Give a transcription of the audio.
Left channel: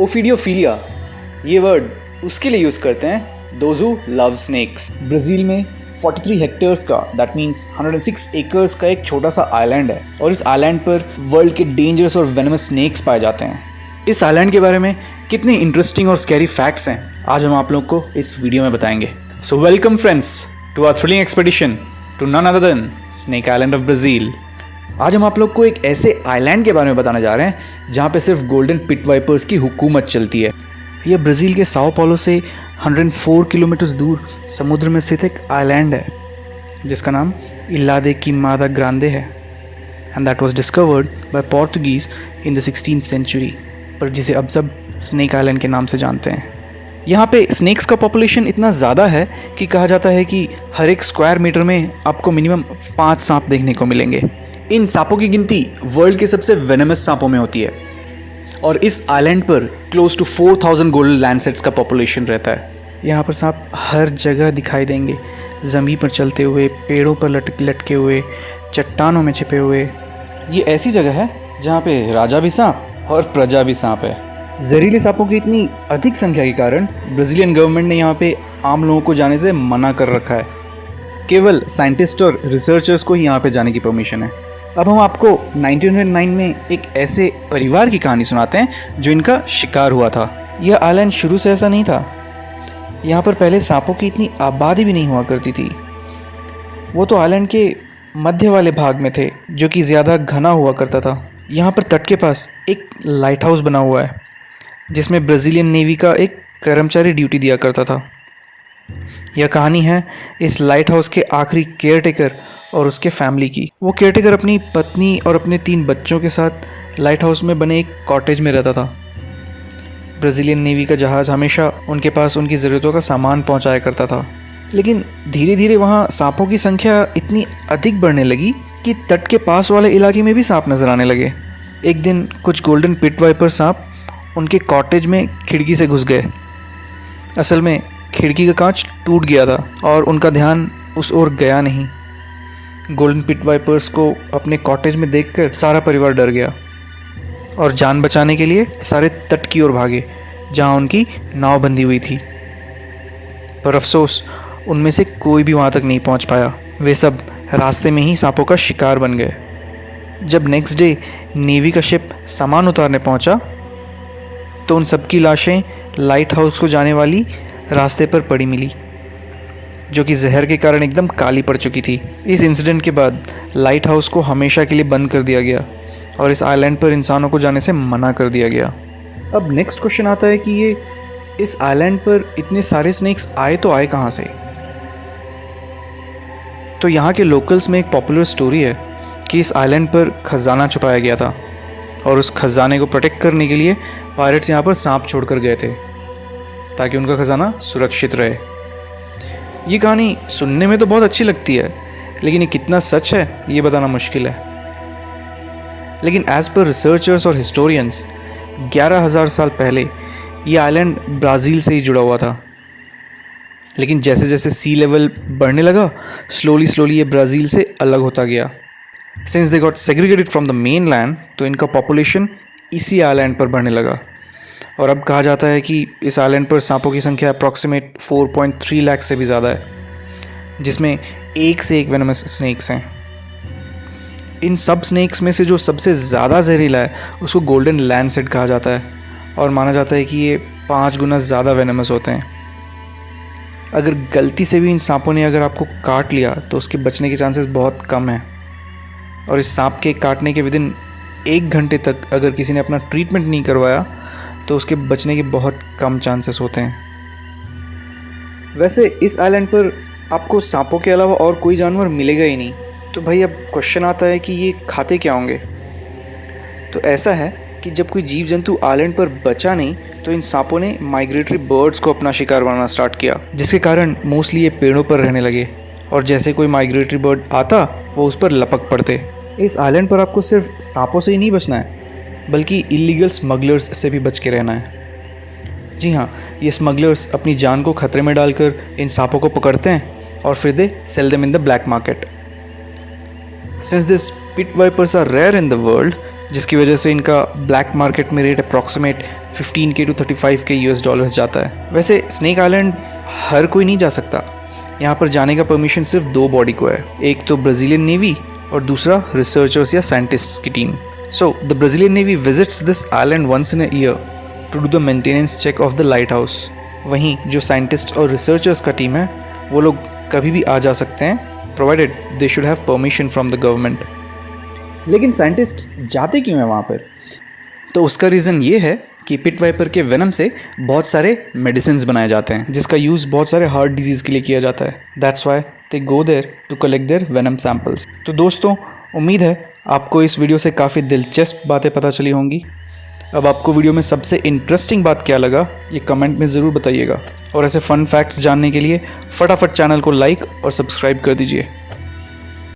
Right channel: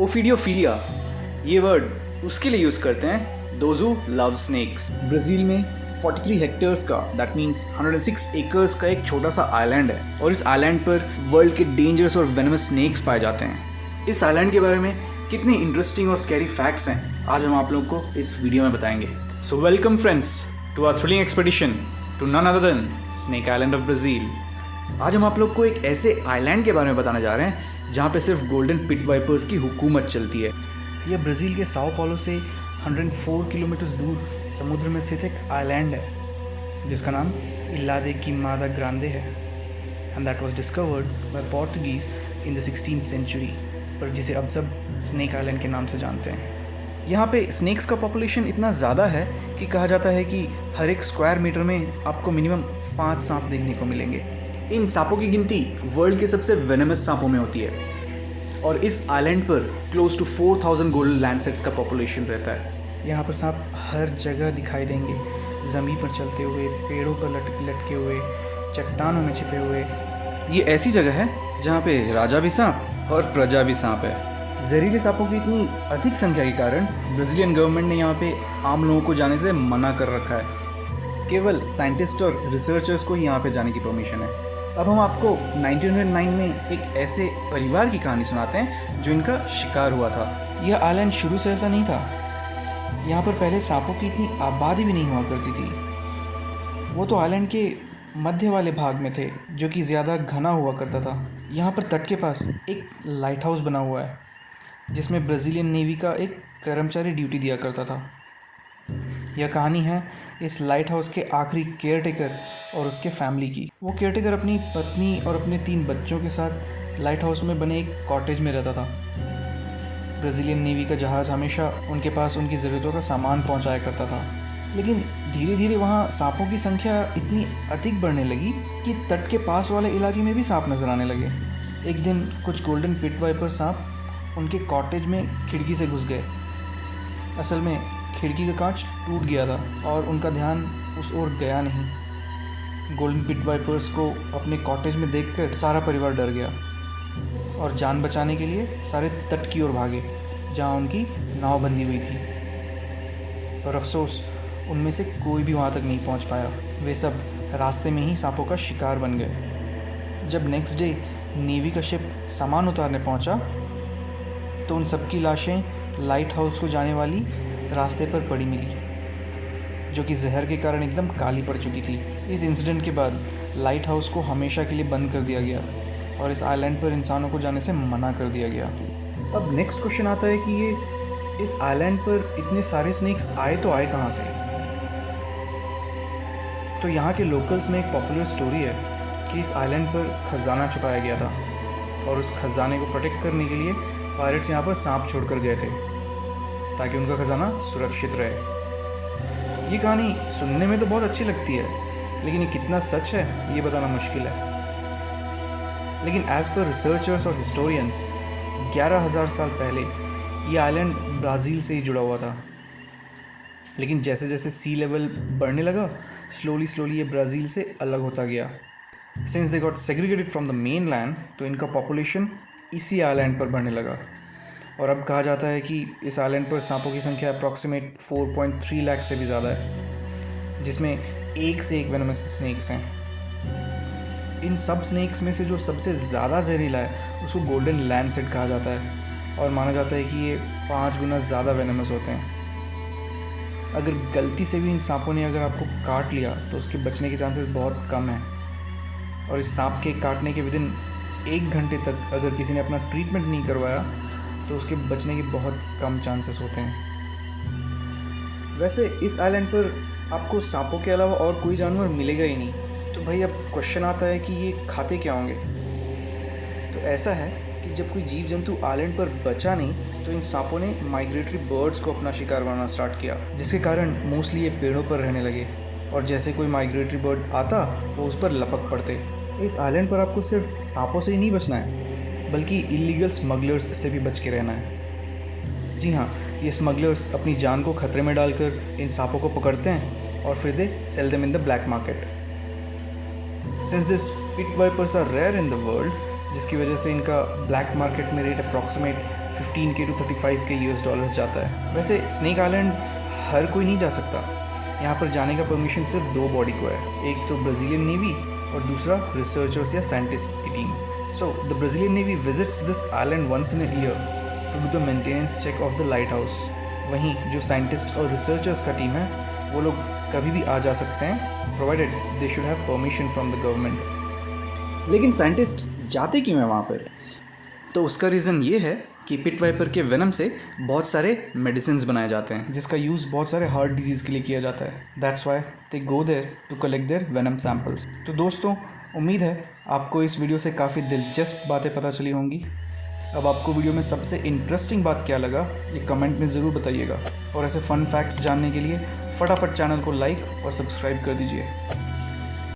ओफिडियोफिलिया ये वर्ड उसके लिए यूज़ करते हैं those who love snakes. Brazil में 43 हेक्टेयर्स का दैट मीन्स 106 एकर्स का एक छोटा सा आइलैंड है और इस आइलैंड पर वर्ल्ड के डेंजरस और वेनमस स्नेक्स पाए जाते हैं। इस आइलैंड के बारे में कितने इंटरेस्टिंग और स्कैरी फैक्ट्स हैं आज हम आप लोग को इस वीडियो में बताएंगे। So welcome friends to our thrilling expedition to none other than Snake Island of Brazil. आज हम आप लोग को एक ऐसे आइलैंड के बारे में बताने जा रहे हैं जहाँ पे सिर्फ गोल्डन पिट वाइपर्स की हुकूमत चलती है। यह ब्राज़ील के साओ पाउलो से 104 किलोमीटर दूर समुद्र में स्थित एक आइलैंड है जिसका नाम इल्हा दे क्विमादा ग्रांडे है and that was discovered by Portuguese in the 16th century, पर जिसे अब सब स्नेक आइलैंड के नाम से जानते हैं। यहाँ पे स्नेक्स का पॉपुलेशन इतना ज़्यादा है कि कहा जाता है कि हर एक स्क्वायर मीटर में आपको मिनिमम 5 सांप देखने को मिलेंगे। इन सांपों की गिनती वर्ल्ड के सबसे वेनमस सांपों में होती है और इस आइलैंड पर क्लोज टू 4000 गोल्डन लैंडसेट्स का पॉपुलेशन रहता है। यहाँ पर सांप हर जगह दिखाई देंगे, ज़मीन पर चलते हुए, पेड़ों पर लटके हुए, चट्टानों में छिपे हुए। ये ऐसी जगह है जहाँ पे राजा भी सांप और प्रजा भी सांप है। जहरीले सांपों की इतनी अधिक संख्या के कारण ब्राज़ीलियन गवर्नमेंट ने यहाँ पे आम लोगों को जाने से मना कर रखा है। केवल साइंटिस्ट और रिसर्चर्स को ही यहाँ पे जाने की परमिशन है। अब हम आपको 1909 में एक ऐसे परिवार की कहानी सुनाते हैं जो इनका शिकार हुआ था। यह आइलैंड शुरू से ऐसा नहीं था। यहाँ पर पहले सांपों की इतनी आबादी भी नहीं हुआ करती थी। वो तो आइलैंड के मध्य वाले भाग में थे जो कि ज़्यादा घना हुआ करता था। यहाँ पर तट के पास एक लाइट हाउस बना हुआ है जिसमें ब्राज़ीलियन नेवी का एक कर्मचारी ड्यूटी दिया करता था। यह कहानी है इस लाइट हाउस के आखिरी केयरटेकर और उसके फैमिली की। वो केयरटेकर अपनी पत्नी और अपने 3 बच्चों के साथ लाइट हाउस में बने एक कॉटेज में रहता था। ब्राज़ीलियन नेवी का जहाज़ हमेशा उनके पास उनकी ज़रूरतों का सामान पहुंचाया करता था, लेकिन धीरे धीरे वहाँ सांपों की संख्या इतनी अधिक बढ़ने लगी कि तट के पास वाले इलाके में भी सांप नजर आने लगे। एक दिन कुछ गोल्डन पिट वाइपर सांप उनके कॉटेज में खिड़की से घुस गए। असल में खिड़की का कांच टूट गया था और उनका ध्यान उस ओर गया नहीं। गोल्डन पिट वाइपर्स को अपने कॉटेज में देखकर सारा परिवार डर गया और जान बचाने के लिए सारे तट की ओर भागे जहां उनकी नाव बंधी हुई थी। पर अफसोस उनमें से कोई भी वहां तक नहीं पहुंच पाया। वे सब रास्ते में ही सांपों का शिकार बन गए। जब नेक्स्ट डे नेवी का शिप सामान उतारने पहुंचा तो उन सबकी लाशें लाइट हाउस को जाने वाली रास्ते पर पड़ी मिली, जो कि जहर के कारण एकदम काली पड़ चुकी थी। इस इंसिडेंट के बाद लाइट हाउस को हमेशा के लिए बंद कर दिया गया और इस आइलैंड पर इंसानों को जाने से मना कर दिया गया। अब नेक्स्ट क्वेश्चन आता है कि ये इस आइलैंड पर इतने सारे स्नेक्स आए तो आए कहाँ से? तो यहाँ के लोकल्स में एक पॉपुलर स्टोरी है कि इस आइलैंड पर खजाना छुपाया गया था और उस खजाने को प्रोटेक्ट करने के लिए पायरेट्स यहाँ पर सांप छोड़कर गए थे ताकि उनका खजाना सुरक्षित रहे। ये कहानी सुनने में तो बहुत अच्छी लगती है, लेकिन ये कितना सच है ये बताना मुश्किल है। लेकिन एज पर रिसर्चर्स और हिस्टोरियंस 11,000 साल पहले ये आइलैंड ब्राज़ील से ही जुड़ा हुआ था, लेकिन जैसे जैसे सी लेवल बढ़ने लगा स्लोली ये ब्राज़ील से अलग होता गया। Since they got segregated from the main land, तो इनका पॉपुलेशन इसी आइलैंड पर बढ़ने लगा और अब कहा जाता है कि इस आइलैंड पर सांपों की संख्या अप्रॉक्सीमेट 4.3 लाख से भी ज़्यादा है, जिसमें एक से एक वेनमस स्नेक्स हैं। इन सब स्नेक्स में से जो सबसे ज़्यादा जहरीला है उसको गोल्डन लैंडसेट कहा जाता है और माना जाता है कि ये 5 गुना ज़्यादा वेनमस होते हैं। अगर गलती से भी इन सांपों ने अगर आपको काट लिया तो उसके बचने के चांसेस बहुत कम हैं और इस सांप के काटने के विदिन 1 घंटे तक अगर किसी ने अपना ट्रीटमेंट नहीं करवाया तो उसके बचने के बहुत कम चांसेस होते हैं। वैसे इस आइलैंड पर आपको सांपों के अलावा और कोई जानवर मिलेगा ही नहीं, तो भाई अब क्वेश्चन आता है कि ये खाते क्या होंगे? तो ऐसा है कि जब कोई जीव जंतु आइलैंड पर बचा नहीं तो इन सांपों ने माइग्रेटरी बर्ड्स को अपना शिकार बनाना स्टार्ट किया, जिसके कारण मोस्टली ये पेड़ों पर रहने लगे और जैसे कोई माइग्रेटरी बर्ड आता वो उस पर लपक पड़ते। इस आइलैंड पर आपको सिर्फ सांपों से ही नहीं बचना है बल्कि इलीगल स्मगलर्स से भी बच के रहना है। जी हाँ, ये स्मगलर्स अपनी जान को खतरे में डालकर इन सांपों को पकड़ते हैं और फिर they sell them in the black market. Since this pit vipers are rare in the world, जिसकी वजह से इनका ब्लैक मार्केट में rate approximate 15K to 35K US dollars जाता है। वैसे स्नेक आइलैंड हर कोई नहीं जा सकता, यहाँ पर जाने का परमिशन सिर्फ 2 बॉडी को है, एक तो ब्राज़ीलियन नेवी और दूसरा रिसर्चर्स या साइंटिस्ट्स की team. So the Brazilian navy visits this island once in a year to do the maintenance check of the lighthouse. वहीं जो साइंटिस्ट और रिसर्चर्स का टीम है वो लोग कभी भी आ जा सकते हैं, provided they should have permission from the government. लेकिन साइंटिस्ट जाते क्यों हैं वहाँ पर? तो उसका रीज़न ये है कि पिट वाइपर के वेनम से बहुत सारे मेडिसिन बनाए जाते हैं, जिसका यूज़ बहुत सारे हार्ट डिजीज़ के लिए किया जाता है। That's why they go there to collect their venom samples. तो दोस्तों, उम्मीद है आपको इस वीडियो से काफ़ी दिलचस्प बातें पता चली होंगी। अब आपको वीडियो में सबसे इंटरेस्टिंग बात क्या लगा ये कमेंट में ज़रूर बताइएगा, और ऐसे फ़न फैक्ट्स जानने के लिए फटाफट चैनल को लाइक और सब्सक्राइब कर दीजिए।